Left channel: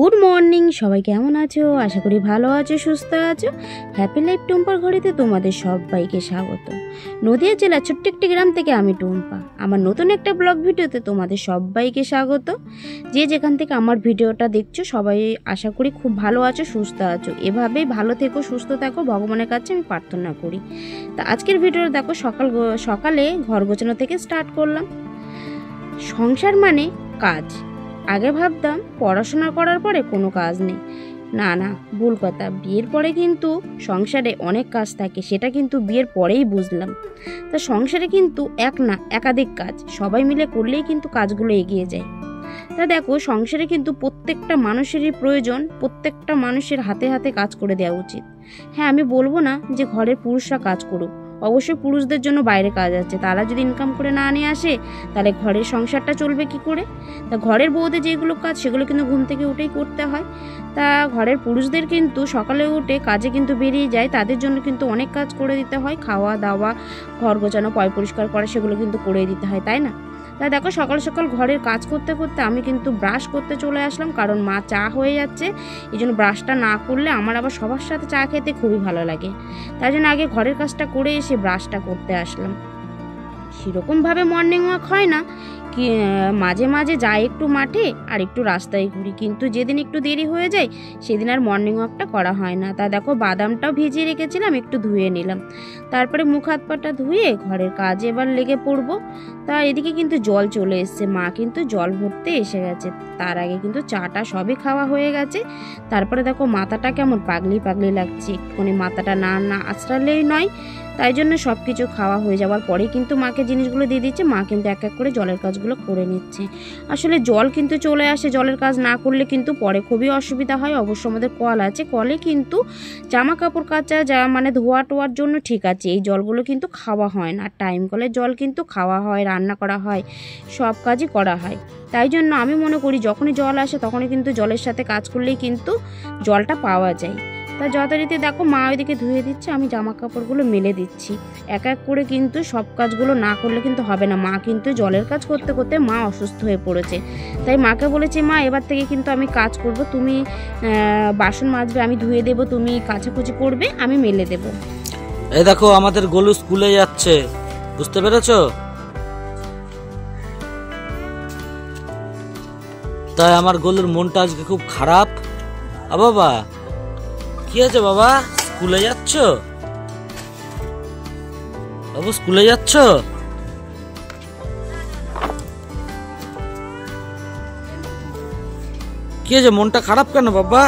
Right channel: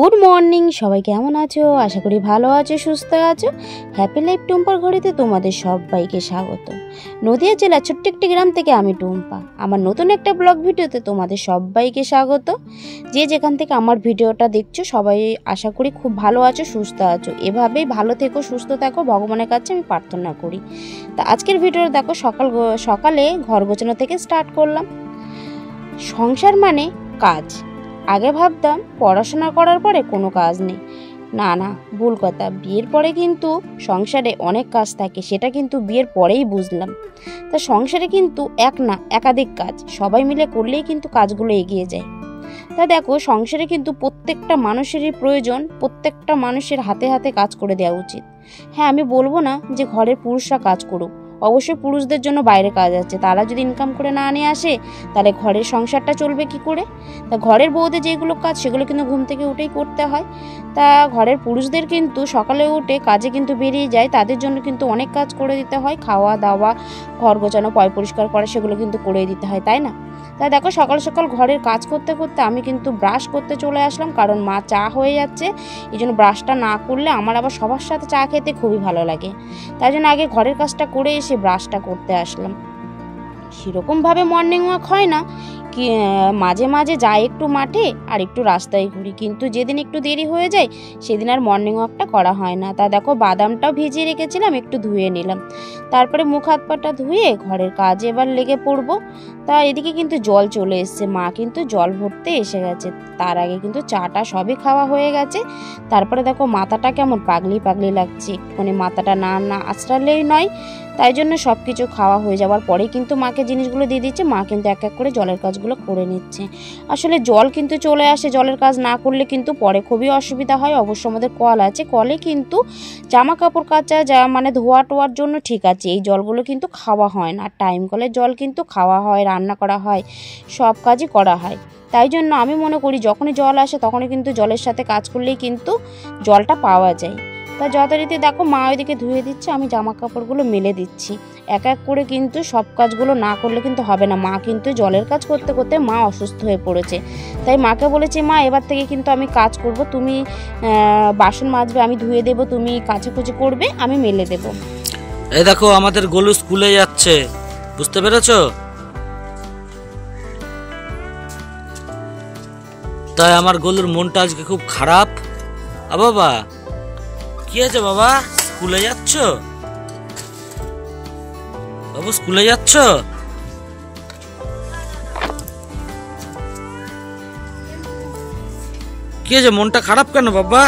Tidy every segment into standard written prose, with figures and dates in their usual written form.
Good morning, সবাই কেমন আছো? আশা করি ভালো আছো, সুস্থ আছো। হ্যাপি লাইফ টুম্পার ঘড়িতে তোমাদের সবাইকে স্বাগত। নদিয়া জেলার ছোট্ট একটি গ্রাম থেকে আমি টুম্পা। আমার নতুন একটা ব্লগ ভিডিওতে তোমাদের সবাইকে স্বাগত। যে যেখান থেকে আমার ভিডিওটা দেখছো সবাই আশা করি খুব ভালো আছো, সুস্থ আছো। এভাবেই ভালো থেকো, সুস্থ থাকো, ভগবানের কাছে আমি প্রার্থনা করি। তা আজকের ভিডিও দেখো, সকালে ঘর গোছানো থেকে স্টার্ট করলাম। সংসার মানে কাজ। আগে ভাবতাম পড়াশোনা করার পরে কোনো কাজ নেই। না, ভুল কথা। বিয়ের পরে কিন্তু সংসারে অনেক কাজ থাকে, সেটা কিন্তু বিয়ের পরেই বুঝলাম। তা সংসারে কিন্তু একাধিক কাজ সবাই মিলে করলেই কিন্তু কাজগুলো এগিয়ে যায়। তা দেখো, সংসারে কিন্তু প্রত্যেকটা মানুষেরই প্রয়োজন, প্রত্যেকটা মানুষের হাতে হাতে কাজ করে দেওয়া উচিত। হ্যাঁ, আমি বলবো না যে ঘরের পুরুষরা কাজ করুক, অবশ্যই পুরুষদের জন্য বাইরে কাজ আছে। তারা যদি ইনকাম করে না নিয়ে আসে তাহলে ঘরের সংসারটা চলবে কি করে? তা ঘরের বউদের যেগুলো কাজ সেগুলো কিন্তু ঘুম থেকে উঠেই করতে হয়। তা ঘরের পুরুষদের কিন্তু সকালে উঠে কাজে কিন্তু বেরিয়ে যায়, তাদের জন্য কিন্তু অনেক কাজ করে দিতে হয়। খাওয়া দাওয়া, ঘর গোছানো, পয় পরিষ্কার করা, সেগুলো কিন্তু করে দিতে হয়, তাই না? তা দেখো, সকাল সকাল ঘরের কাজ করতে করতে আমি কিন্তু ব্রাশ করতে চলে আসলাম, কারণ মা চা হয়ে যাচ্ছে। এই জন্য ব্রাশটা না করলে আমার আবার সবার সাথে চা খেতে খুবই ভালো লাগে। তাই জন্য আগে ঘরের কাজটা করে এসে ব্রাশটা করতে আসলাম। সেরকমভাবে মর্নিং ওয়াক হয় না, কি মাঝে মাঝে যাই একটু মাঠে আর একটু রাস্তায় ঘুরি, কিন্তু যেদিন একটু দেরি হয়ে যায় সেদিন আর মর্নিং ওয়াকটা করা হয় না। তা দেখো, বাদামটাও ভিজিয়ে রেখেছিলাম, একটু ধুয়ে নিলাম। তারপরে মুখ হাত পাটা ধুয়ে ঘরের কাজে এবার লেগে পড়বো। তা এদিকে কিন্তু জল চলে এসছে, মা কিন্তু জল ভরতে এসে গেছে। তার আগে কিন্তু চাটা সবই খাওয়া হয়ে গেছে। তারপরে দেখো, মাথাটা কেমন পাগলি পাগলি লাগছে, এক্ষুনি মাথাটা না আঁচড়ালেই নয়। তাই জন্য সব কিছু খাওয়া হয়ে যাওয়ার পরে কিন্তু মাকে জিনিসগুলো দিয়ে দিচ্ছে। মা কিন্তু এক এক করে জলের কাজগুলো করে নিচ্ছে। আসলে জল কিন্তু চলে আসে, জলের কাজ না করলে কিন্তু পরে খুবই অসুবিধা হয়। অবশ্য আমাদের কল আছে, কলে কিন্তু জামা কাপড় কাচা মানে ধোয়া টোয়ার জন্য ঠিক আছে। এই জলগুলো কিন্তু খাওয়া হয় না। টাইম কলের জল কিন্তু খাওয়া হয়, রান্না করা হয়, সব কাজই করা হয়। তাই জন্য আমি মনে করি যখনই জল আসে তখনই কিন্তু জলের সাথে কাজ করলেই কিন্তু জলটা পাওয়া যায়। তা যথারীতি দেখো, মা ওইদিকে ধুয়ে দিচ্ছে, আমি জামা কাপড়গুলো মেলে দিচ্ছি। এক এক করে কিন্তু সব কাজগুলো না করলে কিন্তু হবে না। মা কিন্তু জলের কাজ করতে করতে মা অসুস্থ হয়ে পড়েছে। তাই মাকে বলেছি, মা এবার থেকে কিন্তু আমি কাজ করব, তুমি বাসন মাজবে, আমি ধুয়ে দেবো, তুমি কাচাকুচি করবে, আমি মেলে দেব। এই দেখো, আমাদের গোলু স্কুলে যাচ্ছে, বুঝতে পেরেছো? তাই আমার গোলুর মনটা আজকে খুব খারাপ। বাবা, কি আছে বাবা? স্কুলে যাচ্ছ বাবু? স্কুলে যাচ্ছ? কি আছে, মনটা খারাপ কেন বাবা?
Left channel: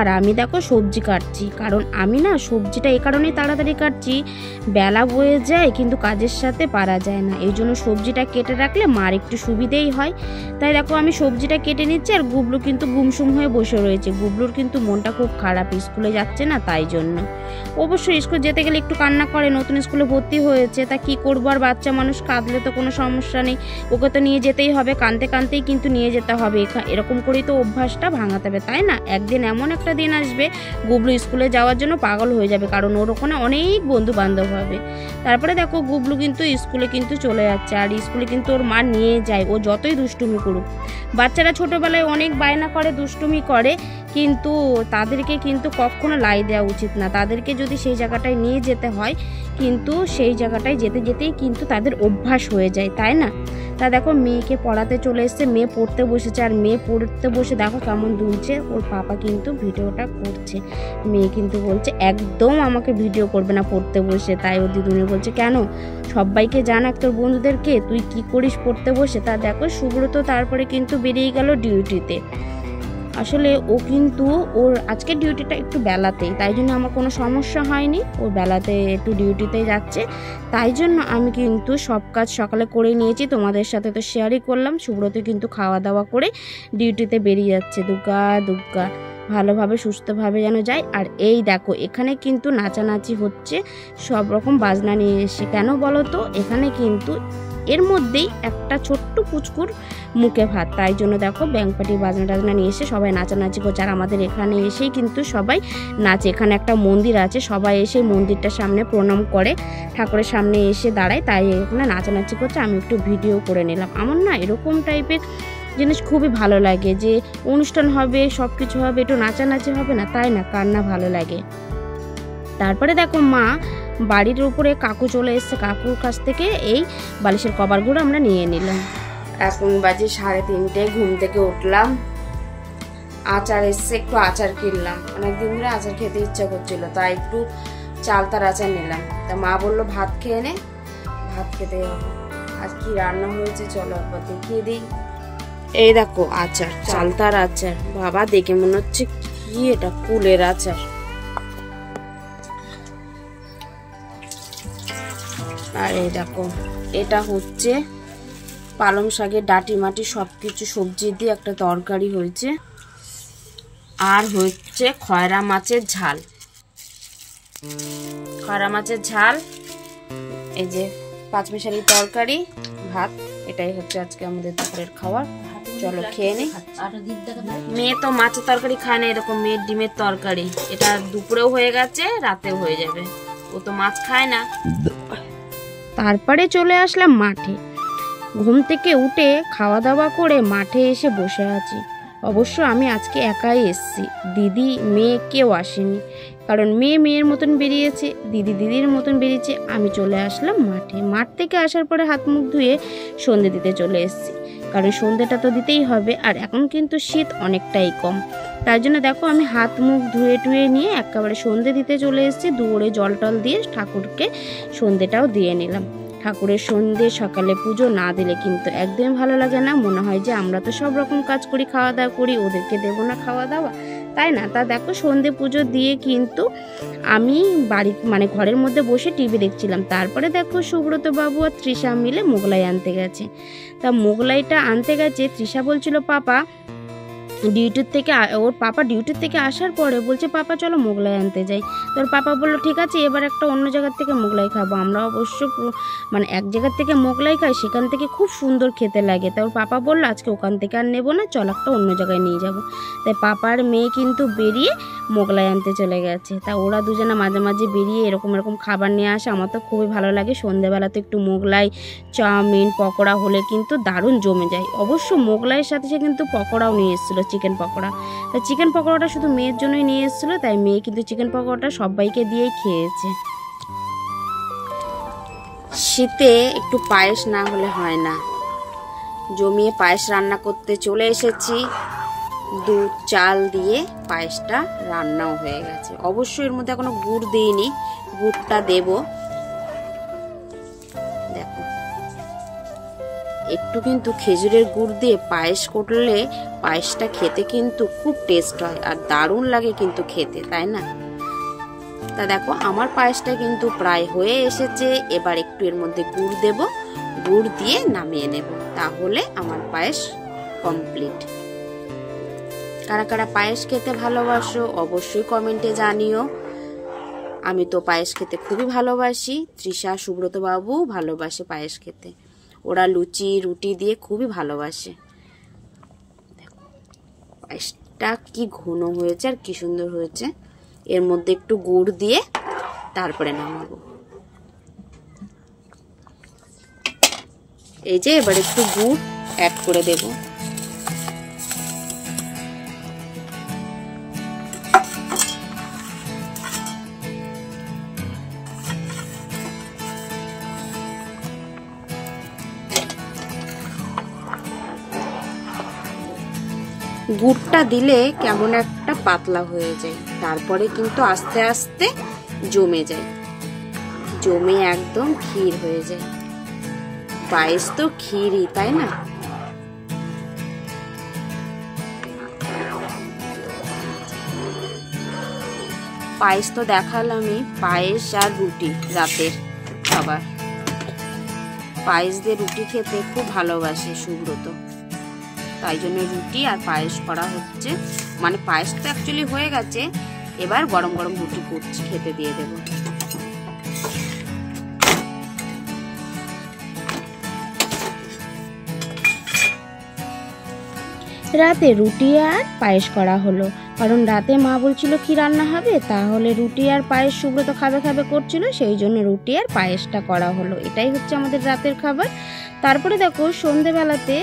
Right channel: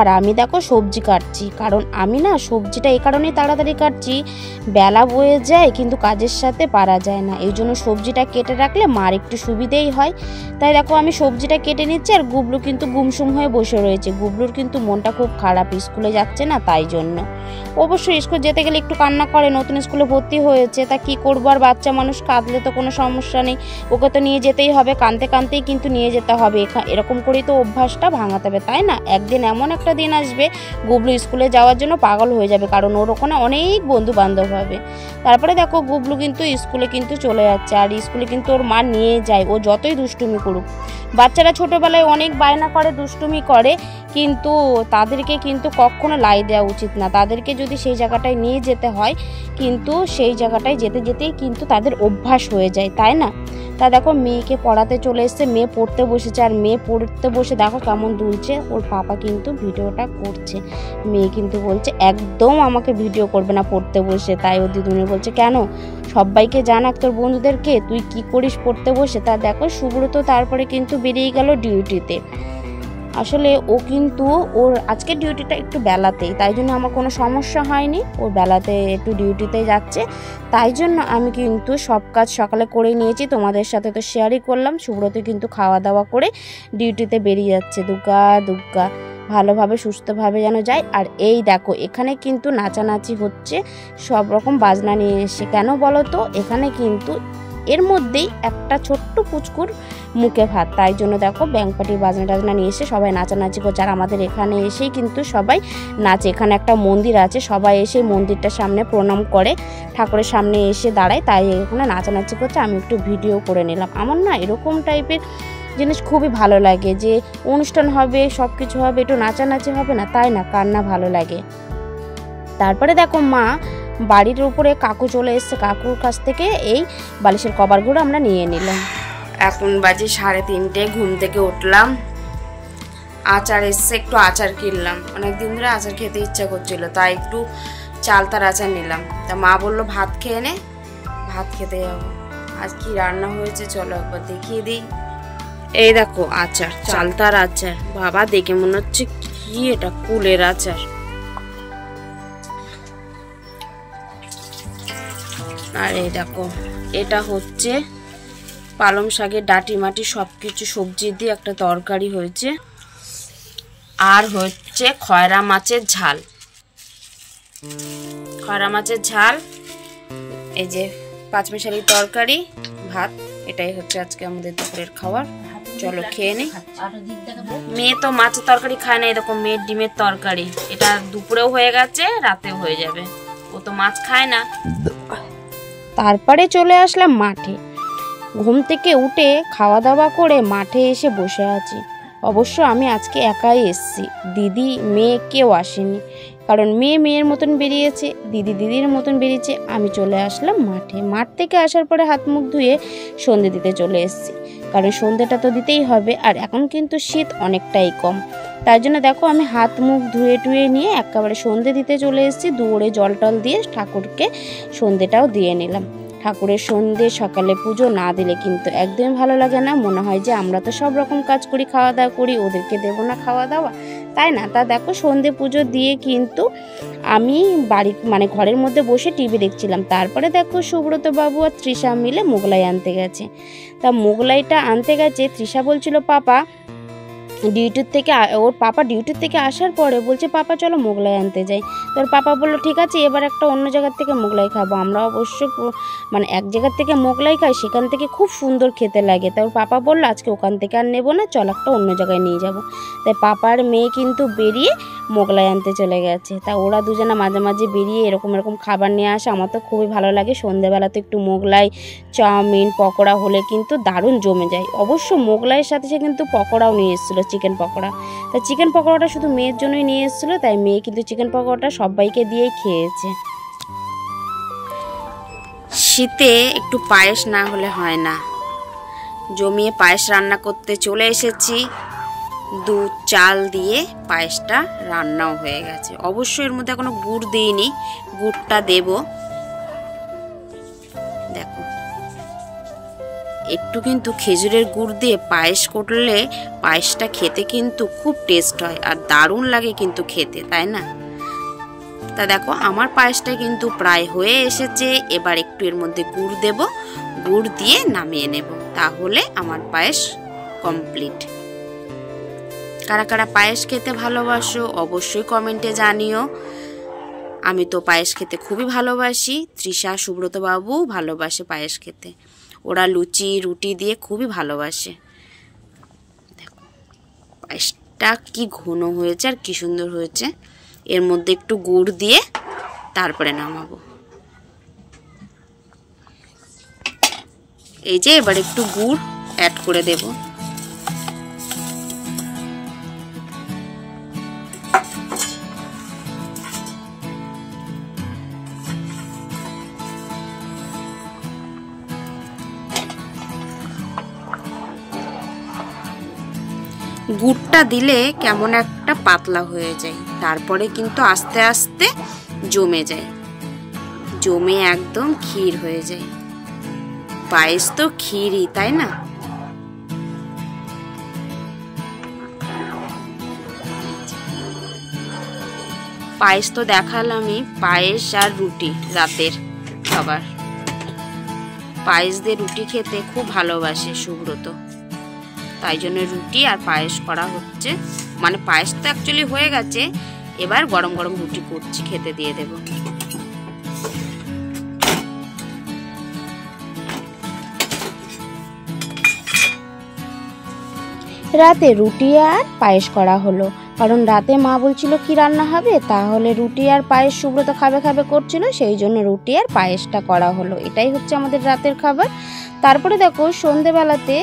আর আমি দেখো সবজি কাটছি, কারণ আমি না সবজিটা এই কারণেই তাড়াতাড়ি কাটছি, বেলা বয়ে যায় কিন্তু কাজের সাথে পারা যায় না। এই জন্য সবজিটা কেটে রাখলে মার একটু সুবিধেই হয়। তাই দেখো, আমি সবজিটা কেটে নিচ্ছি। আর গুবলু কিন্তু গুমসুম হয়ে বসে রয়েছে। গুবলুর কিন্তু মনটা খুব খারাপ, স্কুলে যাচ্ছে না, তাই জন্য। অবশ্যই স্কুল যেতে গেলে একটু কান্না করে, নতুন স্কুলে ভর্তি হয়েছে, তা কি করবো আর, বাচ্চা মানুষ কাঁদলে তো কোনো সমস্যা নেই, ওকে তো নিয়ে যেতেই হবে, কাঁদতে কাঁদতেই কিন্তু নিয়ে যেতে হবে। এরকম করেই তো অভ্যাসটা ভাঙাতে হবে, তাই না? একদিন এমন একটা দিন আসবে গুবলু স্কুলে যাওয়ার জন্য পাগল হয়ে যাবে, কারণ ওর ওখানে অনেক বন্ধু বান্ধব হবে। তারপরে দেখো, গুবলু কিন্তু স্কুলে কিন্তু চলে যাচ্ছে, আর স্কুলে কিন্তু ওর মা নিয়ে যায়, ও যতই দুষ্টুমি করুক। বাচ্চারা ছোটবেলায় অনেক বায়না করে, দুষ্টুমি করে, কিন্তু তাদেরকে কিন্তু কখনো লাই দেওয়া উচিত না। তাদেরকে যদি সেই জায়গাটায় নিয়ে যেতে হয়, কিন্তু সেই জায়গাটায় যেতে যেতেই কিন্তু তাদের অভ্যাস হয়ে যায়, তাই না? তা দেখো, মেয়েকে পড়াতে চলে এসছে, মেয়ে পড়তে বসেছে। আর মেয়ে পড়তে বসে দেখো কেমন দুলছে, ওর পাপা কিন্তু ভিডিওটা করছে। মেয়ে কিন্তু বলছে একদম আমাকে ভিডিও করবে না পড়তে বসে। তাই ওর দিদুনি বলছে, কেন? সবাইকে জানাক তোর বন্ধুদেরকে তুই কি করিস পড়তে বসে। তা দেখো, সুব্রত তারপরে কিন্তু বেরিয়ে গেল ডিউটিতে। আসলে ও কিন্তু ওর আজকে ডিউটিটা একটু বেলাতেই, তাই জন্য আমার কোনো সমস্যা হয়নি। ওর বেলাতে একটু ডিউটিতে যাচ্ছে, তাই জন্য আমি কিন্তু সব কাজ সকালে করে নিয়েছি, তোমাদের সাথে তো শেয়ারই করলাম। সুব্রত কিন্তু খাওয়া দাওয়া করে ডিউটিতে বেরিয়ে যাচ্ছে। দুগ্গা ভালোভাবে সুস্থভাবে যেন যায়। আর এই দেখো, এখানে কিন্তু নাচানাচি হচ্ছে, সব রকম বাজনা নিয়ে এসে। কেন বলো তো? এখানে কিন্তু এর মধ্যেই একটা ছোট্ট পুচকুর মুখে ভাত। তাই জন্য দেখো ব্যাংক পার্টির বাজনা টাজনা নিয়ে এসে সবাই নাচানাচি করছে। আর আমাদের এখানে এসেই কিন্তু সবাই নাচে। এখানে একটা মন্দির আছে, সবাই এসে মন্দিরটার সামনে প্রণাম করে, ঠাকুরের সামনে এসে দাঁড়ায়, তাই এখানে নাচানাচি করছে। আমি একটু ভিডিও করে নিলাম। আমার না এরকম টাইপের জিনিস খুবই ভালো লাগে, যে অনুষ্ঠান হবে, সব কিছু হবে, একটু নাচানাচি হবে না, তাই না, কার না ভালো লাগে। তারপরে দেখো মা বাড়ির উপরে কাকু চলে এসছে, কাকুর কাছ থেকে এই বালিশের কভারগুলো আমরা নিয়ে নিলাম। এখন বাজে 3:30, ঘুম থেকে উঠলাম, আচার এসছে, একটু আচার কিনলাম, অনেকদিন ধরে আচার খেতে ইচ্ছা করছিল, তাই একটু চালতার আচার নিলাম। তা মা বললো ভাত খেয়ে নে, ভাত খেতে যাবো। আজ কি রান্না হয়েছে চলো একবার দেখিয়ে দিই। এই দেখো আচার, চালতার আচার, বাবা দেখে মনে হচ্ছে কি এটা, কুলের আচার। আর এই দেখো এটা হচ্ছে পালং শাকের ডাঁটি মাটি সবকিছু সবজি দিয়ে একটা তরকারি হয়েছে। আর হচ্ছে খয়রা মাছের ঝাল, খয়রা মাছের ঝাল, এই যে পাঁচমিশালি তরকারি, ভাত। এটাই হচ্ছে আজকে আমাদের দুপুরের খাবার। চলো খেয়ে নি। মেয়ে তো মাছের তরকারি খায় না, এরকম মেয়ের ডিমের তরকারি, এটা দুপুরেও হয়ে গেছে, রাতেও হয়ে যাবে, ও তো মাছ খায় না। তারপরে চলে আসলাম মাঠে। ঘুম থেকে উঠে খাওয়া দাওয়া করে মাঠে এসে বসে আছি। অবশ্য আমি আজকে একাই এসেছি, দিদি মেয়ে কেউ আসেনি, কারণ মেয়ে মেয়ের মতন বেরিয়েছে, দিদি দিদির মতন বেরিয়েছে। আমি চলে আসলাম মাঠে। মাঠ থেকে আসার পরে হাত মুখ ধুয়ে সন্ধে দিতে চলে এসেছি, কারণ সন্ধ্যাটা তো দিতেই হবে। আর এখন কিন্তু শীত অনেকটাই কম, তাই জন্য দেখো আমি হাত মুখ ধুয়ে টুয়ে নিয়ে একেবারে সন্ধে দিতে চলে এসেছি। দুয়ারে জল টল দিয়ে ঠাকুরকে সন্ধেটাও দিয়ে নিলাম। ঠাকুরের সন্ধে সকালে পুজো না দিলে কিন্তু একদমই ভালো লাগে না, মনে হয় যে আমরা তো সব রকম কাজ করি, খাওয়া দাওয়া করি, ওদেরকে দেবো না খাওয়া দাওয়া, তাই না। তা দেখো সন্ধে পুজো দিয়ে কিন্তু আমি বাড়ি মানে ঘরের মধ্যে বসে টিভি দেখছিলাম। তারপরে দেখো সুব্রত বাবু আর তৃষা মিলে মোগলাই আনতে গেছে। তা মোগলাইটা আনতে গেছে, তৃষা বলছিল পাপা ডিউটির থেকে, ওর পাপা ডিউটির থেকে আসার পরে বলছে পাপা চলো মোগলাই আনতে যাই। তোর পাপা বললো ঠিক আছে, এবার একটা অন্য জায়গার থেকে মোগলাই খাবো। আমরা অবশ্য মানে এক জায়গার থেকে মোগলাই খাই, সেখান থেকে খুব সুন্দর খেতে লাগে। তার পাপা বললো আজকে ওখান থেকে আর নেবো না, চল একটা অন্য জায়গায় নিয়ে যাবো। তাই পাপার মেয়ে কিন্তু বেরিয়ে মোগলাই আনতে চলে গেছে। তা ওরা দুজনা মাঝে মাঝে বেরিয়ে এরকম এরকম খাবার নিয়ে আসে, আমার তো খুবই ভালো লাগে। সন্ধ্যেবেলাতে একটু মোগলাই, চাউমিন, পকোড়া হলে কিন্তু দারুণ জমে যায়। অবশ্য মোগলাইয়ের সাথে সে কিন্তু পকোড়াও নিয়ে এসেছিলো, চিকেন পকোড়া। তাই চিকেন পকোড়াটা শুধু মেয়ের জন্যই নিয়ে এসেছিলো, তাই মেয়ে কিন্তু চিকেন পকোড়াটা সবাইকে দিয়েই খেয়েছে। শীতে একটু পায়েস না হলে হয় না, জমিয়ে পায়েস রান্না করতে চলে এসেছি। দুধ চাল দিয়ে পায়েসটা রান্নাও হয়ে গেছে। অবশ্যই এর মধ্যে এখনো গুড় দিইনি, গুড়টা দেব। দেখো একটু কিন্তু খেজুরের গুড় দিয়ে পায়েস করলে পায়েসটা খেতে কিন্তু খুব টেস্ট হয় আর দারুণ লাগে কিন্তু খেতে, তাই না। তা দেখো আমার পায়েসটা কিন্তু প্রায় হয়ে এসেছে। এবার একটু এর মধ্যে গুড় দেব, গুড় দিয়ে নামিয়ে নেব, তাহলে আমার পায়েস কমপ্লিট। কারা কারা পায়েস খেতে ভালোবাসো অবশ্যই কমেন্টে জানিও। আমি তো পায়েস খেতে খুবই ভালোবাসি, তৃষা সুব্রত বাবু ভালোবাসে পায়েস খেতে, ওরা লুচি রুটি দিয়ে খুবই ভালোবাসে। দেখো পায়েসটা কি ঘন হয়েছে আর কি সুন্দর হয়েছে। এর মধ্যে একটু গুড় দিয়ে তারপরে নামাবো। এই যে এবার একটু গুড় অ্যাড করে দেব। গুড়টা দিলে কেমন একটা পাতলা হয়ে যায়, তারপরে কিন্তু আস্তে আস্তে জমে যায়, জমে একদম ক্ষীর হয়ে যায়। পায়েস তো ক্ষীরই, তাই না। পায়েস তো দেখালামই, পায়েস আর রুটি রাতের খাবার। পায়েস দিয়ে রুটি খেতে খুব ভালোবাসে সুব্রত, তাই জন্য রুটি আর পায়েস করা হচ্ছে। মানে পায়েস তো অ্যাকচুয়ালি হয়ে গেছে, এবার গরম গরম রুটি করছি, খেতে দিয়ে দেব। রাতে রুটি আর পায়েস করা হলো, কারণ রাতে মা বলছিল কি রান্না হবে, তাহলে রুটি আর পায়েস সুব্রত খাবে খাবে করছিল, সেই জন্য রুটি আর পায়েসটা করা হলো। এটাই হচ্ছে আমাদের রাতের খাবার। তারপরে দেখো সন্ধেবেলাতে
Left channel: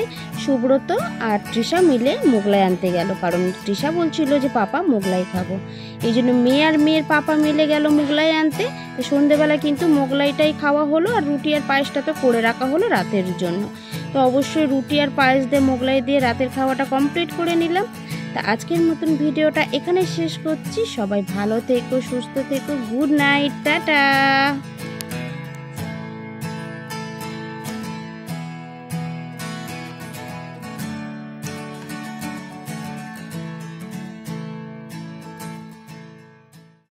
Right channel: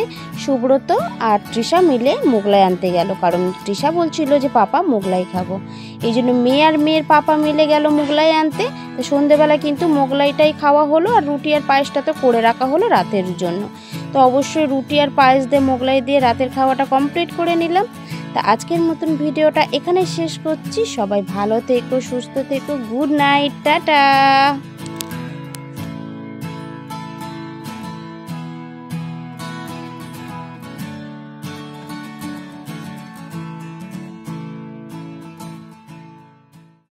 সুব্রত আর তৃষা মিলে মোগলাই আনতে গেল, কারণ তৃষা বলছিল যে পাপা মোগলাই খাবো, এই জন্য মেয়ে আর মেয়ের পাপা মিলে গেল মোগলাই আনতে। তো সন্ধেবেলা কিন্তু মোগলাইটাই খাওয়া হলো, আর রুটি আর পায়েসটা তো করে রাখা হলো রাতের জন্য। তো অবশ্যই রুটি আর পায়েস দিয়ে মোগলাই দিয়ে রাতের খাওয়াটা কমপ্লিট করে নিলাম। তা আজকের মতন ভিডিওটা এখানে শেষ করছি। সবাই ভালো থেকো, সুস্থ থেকো, গুড নাইট, টাটা।